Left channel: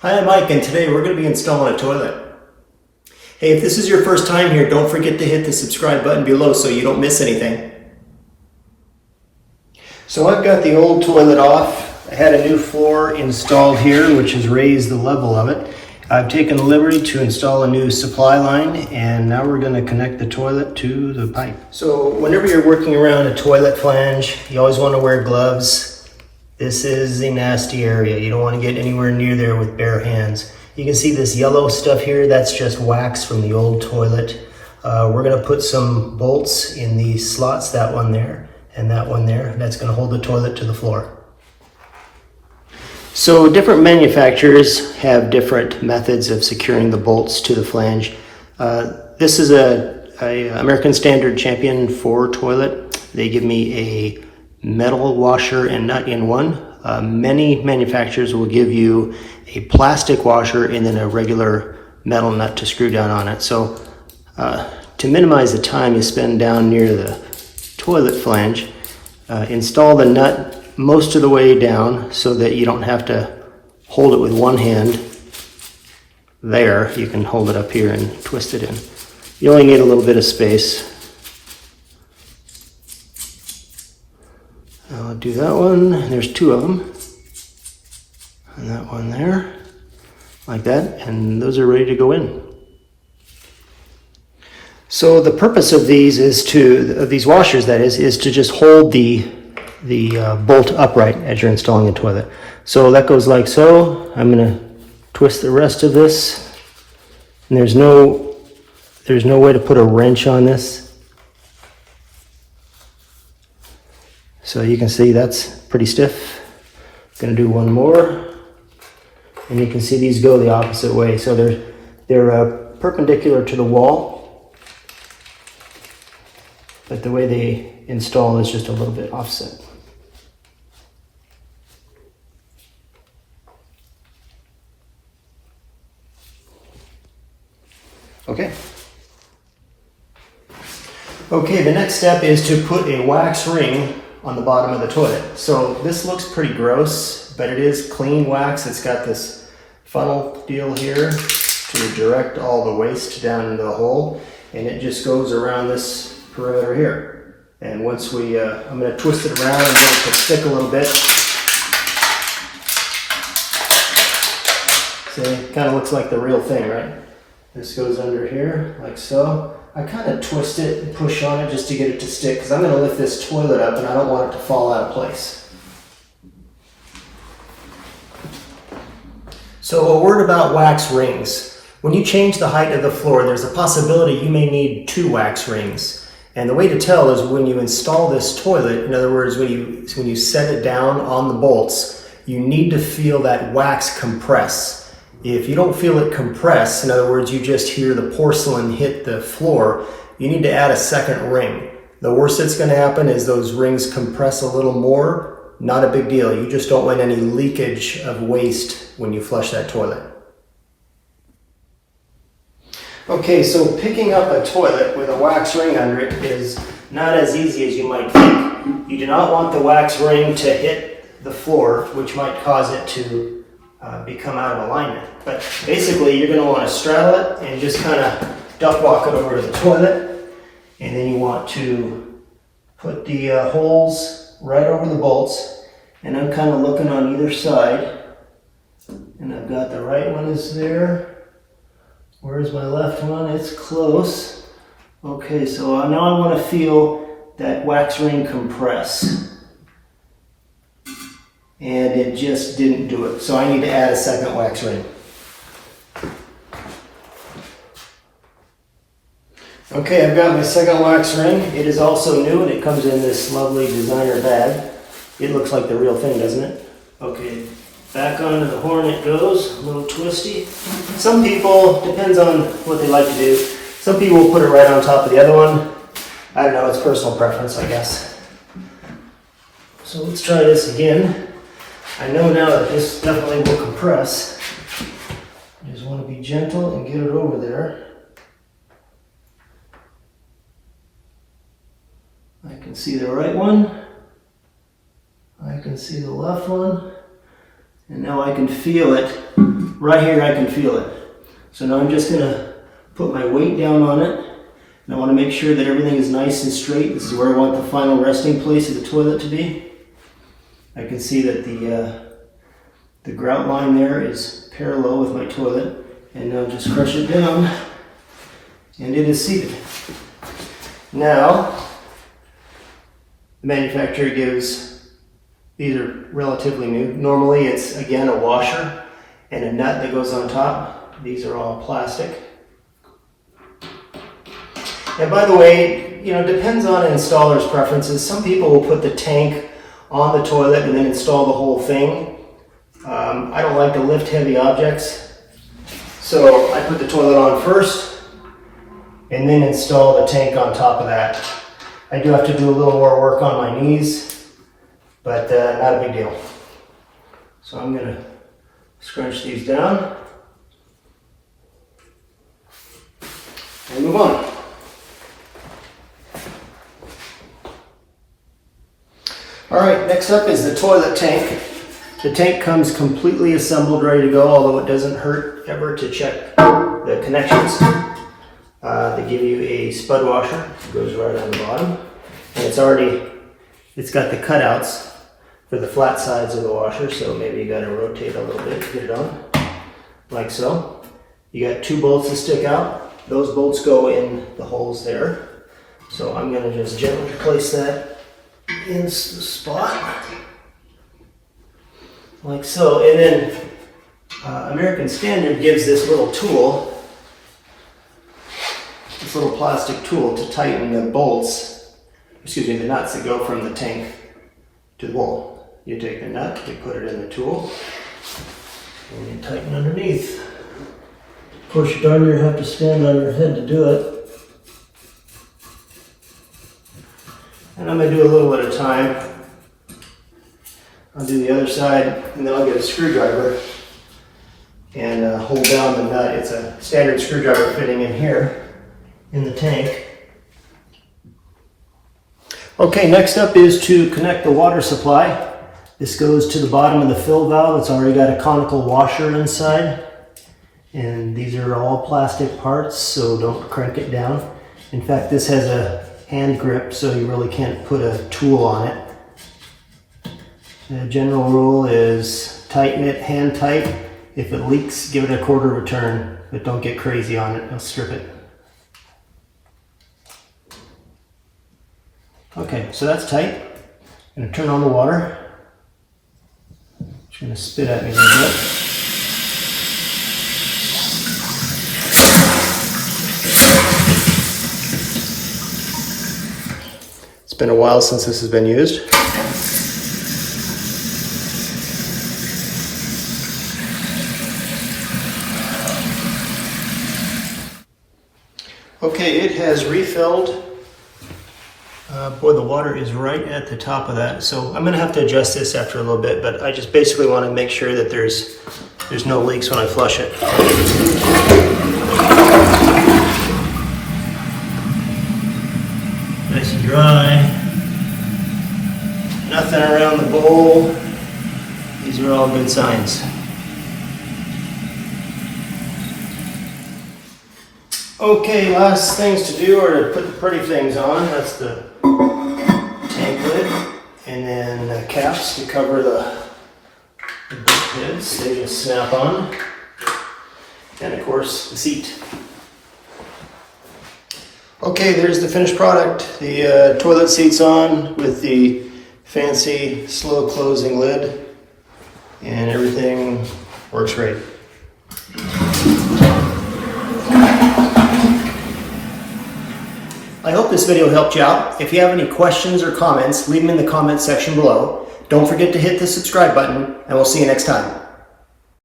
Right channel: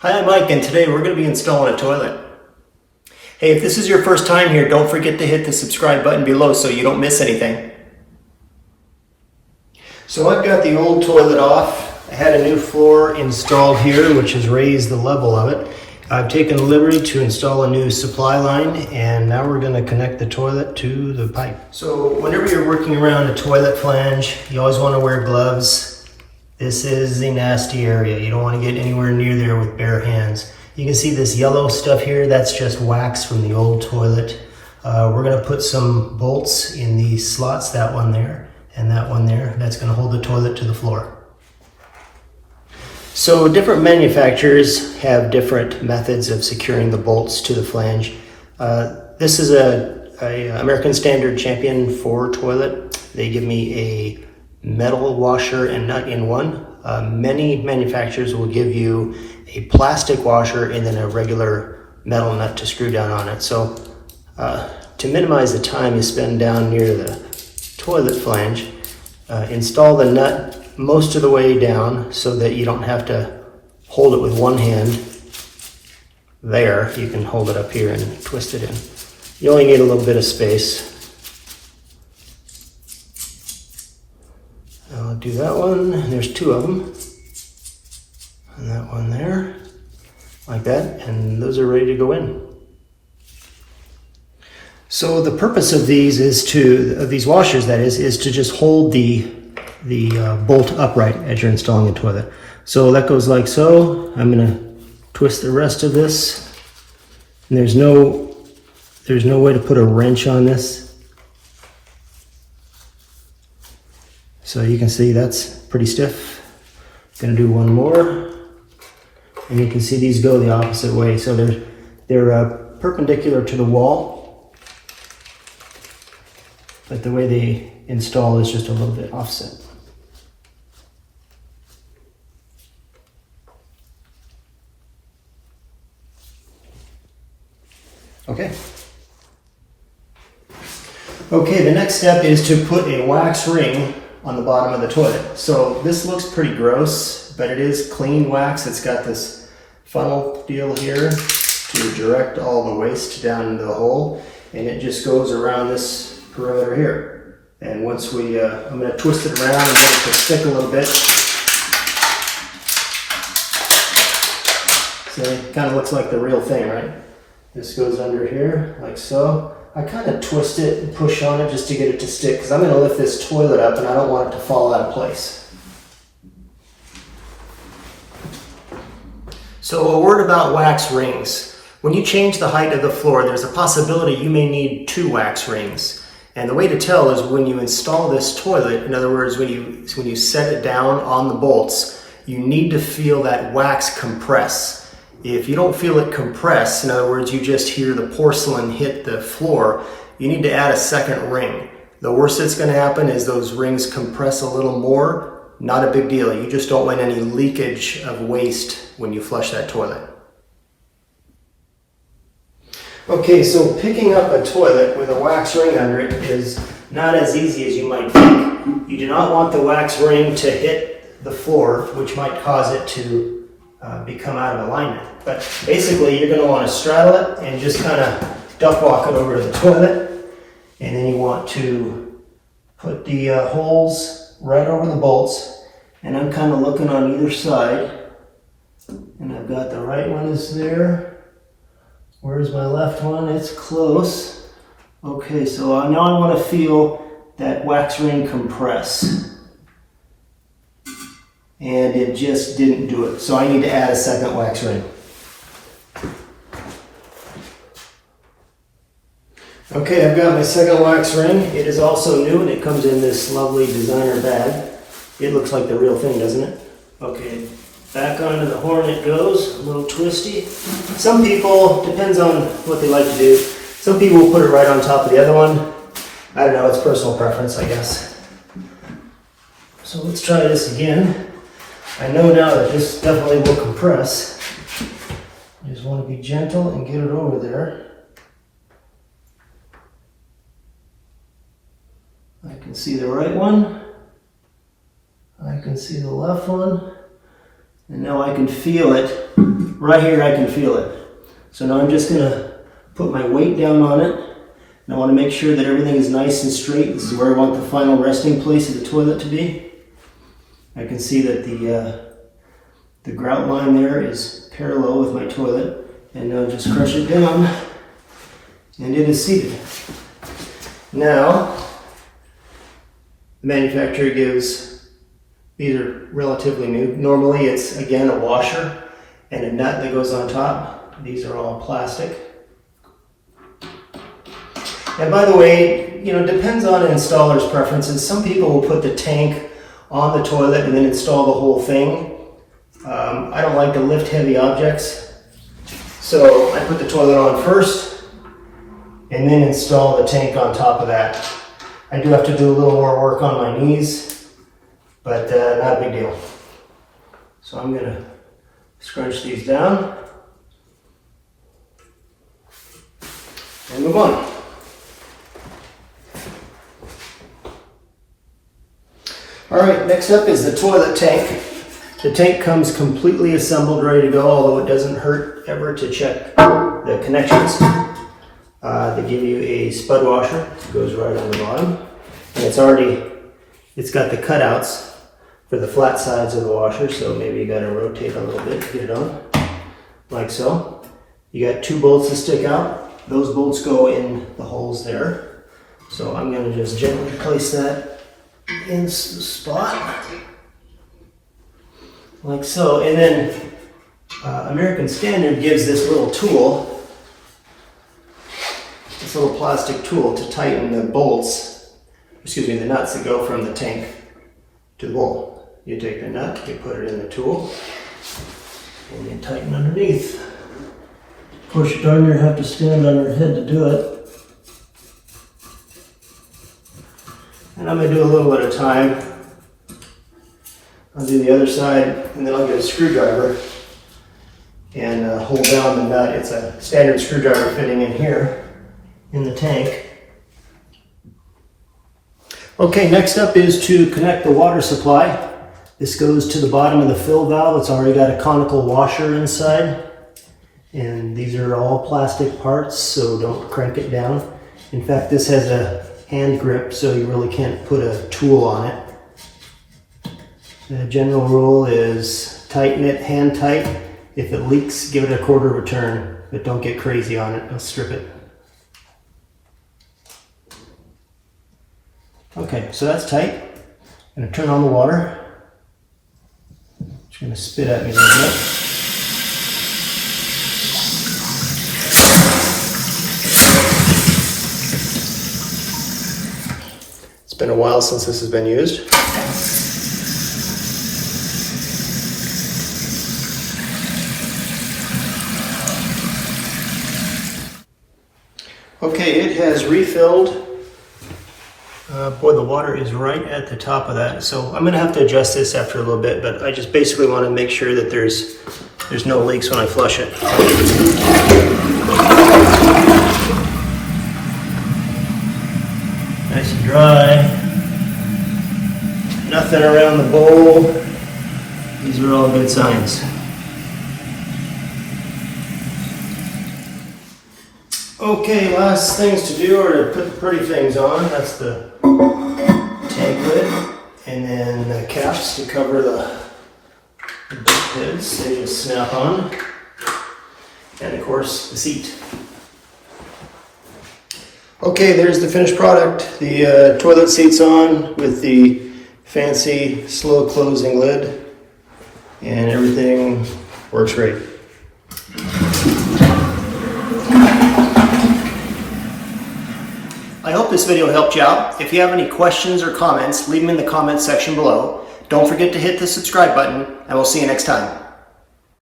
Hi, I'm Mike, and today we're going to be installing a toilet. Hey, if this is your first time here, don't forget to hit the subscribe button below so you don't miss anything. So I've got the old toilet off. I had a new floor installed here, which has raised the level of it. I've taken the liberty to install a new supply line, and now we're going to connect the toilet to the pipe. So whenever you're working around a toilet flange, you always want to wear gloves. This is a nasty area. You don't want to get anywhere near there with bare hands. You can see this yellow stuff here, that's just wax from the old toilet. We're going to put some bolts in these slots, that one there and that one there. That's going to hold the toilet to the floor. So different manufacturers have different methods of securing the bolts to the flange. This is a American Standard Champion 4 toilet. They give me a metal washer and nut in one. Many manufacturers will give you a plastic washer and then a regular metal nut to screw down on it. So to minimize the time you spend down near the toilet flange, install the nut most of the way down so that you don't have to hold it with one hand. There, you can hold it up here and twist it in. You only need a little bit of space. I'll do that one. There's two of them. And that one there, like that, and those are ready to go in. So the purpose of these these washers, that is to just hold the bolt upright as you're installing the toilet. So that goes like so. I'm going to twist the rest of this, and there's no way to put a wrench on this. So you can see that's pretty stiff. Going to do one more. And you can see these go the opposite way. So they're perpendicular to the wall, but the way they install is just a little bit offset. Okay. Okay, the next step is to put a wax ring on the bottom of the toilet. So this looks pretty gross, but it is clean wax. It's got this funnel deal here to direct all the waste down into the hole, and it just goes around this perimeter here. And once I'm going to twist it around and get it to stick a little bit. So it kind of looks like the real thing, right? This goes under here like so. I kind of twist it and push on it just to get it to stick, because I'm going to lift this toilet up and I don't want it to fall out of place. So a word about wax rings. When you change the height of the floor, there's a possibility you may need 2 wax rings. And the way to tell is when you install this toilet, in other words, when you set it down on the bolts, you need to feel that wax compress. If you don't feel it compress, in other words, you just hear the porcelain hit the floor, you need to add a second ring. The worst that's going to happen is those rings compress a little more. Not a big deal. You just don't want any leakage of waste when you flush that toilet. Okay, so picking up a toilet with a wax ring under it is not as easy as you might think. You do not want the wax ring to hit the floor, which might cause it to become out of alignment. But basically, you're going to want to straddle it and just kind of duck walk it over to the toilet. And then you want to put the holes right over the bolts. And I'm kind of looking on either side. And I've got the right one is there. Where's my left one? It's close. Okay, so now I want to feel that wax ring compress. And it just didn't do it. So I need to add a second wax ring. Okay, I've got my second wax ring. It is also new and it comes in this lovely designer bag. It looks like the real thing, doesn't it? Okay, back onto the horn it goes, a little twisty. Some people, depends on what they like to do, some people will put it right on top of the other one. I don't know, it's personal preference, I guess. So let's try this again. I know now that this definitely will compress. You just want to be gentle and get it over there. I can see the right one. I can see the left one. And now I can feel it right here I can feel it. So now I'm just gonna put my weight down on it. And I want to make sure that everything is nice and straight. This is where I want the final resting place of the toilet to be. I can see that the grout line there is parallel with my toilet. And now just crush it down, and it is seated. Now, the manufacturer gives, these are relatively new. Normally it's, again, a washer and a nut that goes on top. These are all plastic. And by the way, you know, it depends on an installer's preferences. Some people will put the tank on the toilet and then install the whole thing. I don't like to lift heavy objects. So I put the toilet on first and then install the tank on top of that. I do have to do a little more work on my knees, but not a big deal. So I'm gonna scrunch these down and move on. All right, next up is the toilet tank. The tank comes completely assembled, ready to go, although it doesn't hurt ever to check the connections. They give you a spud washer, it goes right on the bottom. And it's got the cutouts for the flat sides of the washer, so maybe you gotta rotate a little bit to get it on, like so. You got 2 bolts that stick out. Those bolts go in the holes there. So I'm gonna just gently place that in the spot. Like so, and then American Standard gives this little tool, this little plastic tool to tighten the bolts, the nuts that go from the tank to the bowl. You take the nut, you put it in the tool, and you tighten underneath. Of course, you darn near have to stand on your head to do it. And I'm going to do a little at a time. I'll do the other side, and then I'll get a screwdriver and hold down the nut. It's a standard screwdriver fitting in here in the tank. Okay, next up is to connect the water supply. This goes to the bottom of the fill valve. It's already got a conical washer inside. And these are all plastic parts, so don't crank it down. In fact, this has a hand grip, so you really can't put a tool on it. The general rule is tighten it hand tight. If it leaks, give it a quarter of a turn, but don't get crazy on it, don't strip it. Okay, so that's tight. I'm gonna turn on the water. It's gonna spit at me a little bit. It's been a while since this has been used. Okay, it has refilled. Boy, the water is right at the top of that. So I'm gonna have to adjust this after a little bit, but I just basically want to make sure that there's no leaks when I flush it. Nice and dry. Nothing around the bowl. These are all good signs. Okay, last things to do are to put the pretty things on. That's the tank lid, and then the caps to cover the bump heads. They just snap on. And of course, the seat. Okay, there's the finished product. The toilet seat's on with the fancy slow closing lid, and everything works great. I hope this video helped you out. If you have any questions or comments, leave them in the comments section below. Don't forget to hit the subscribe button, and we'll see you next time.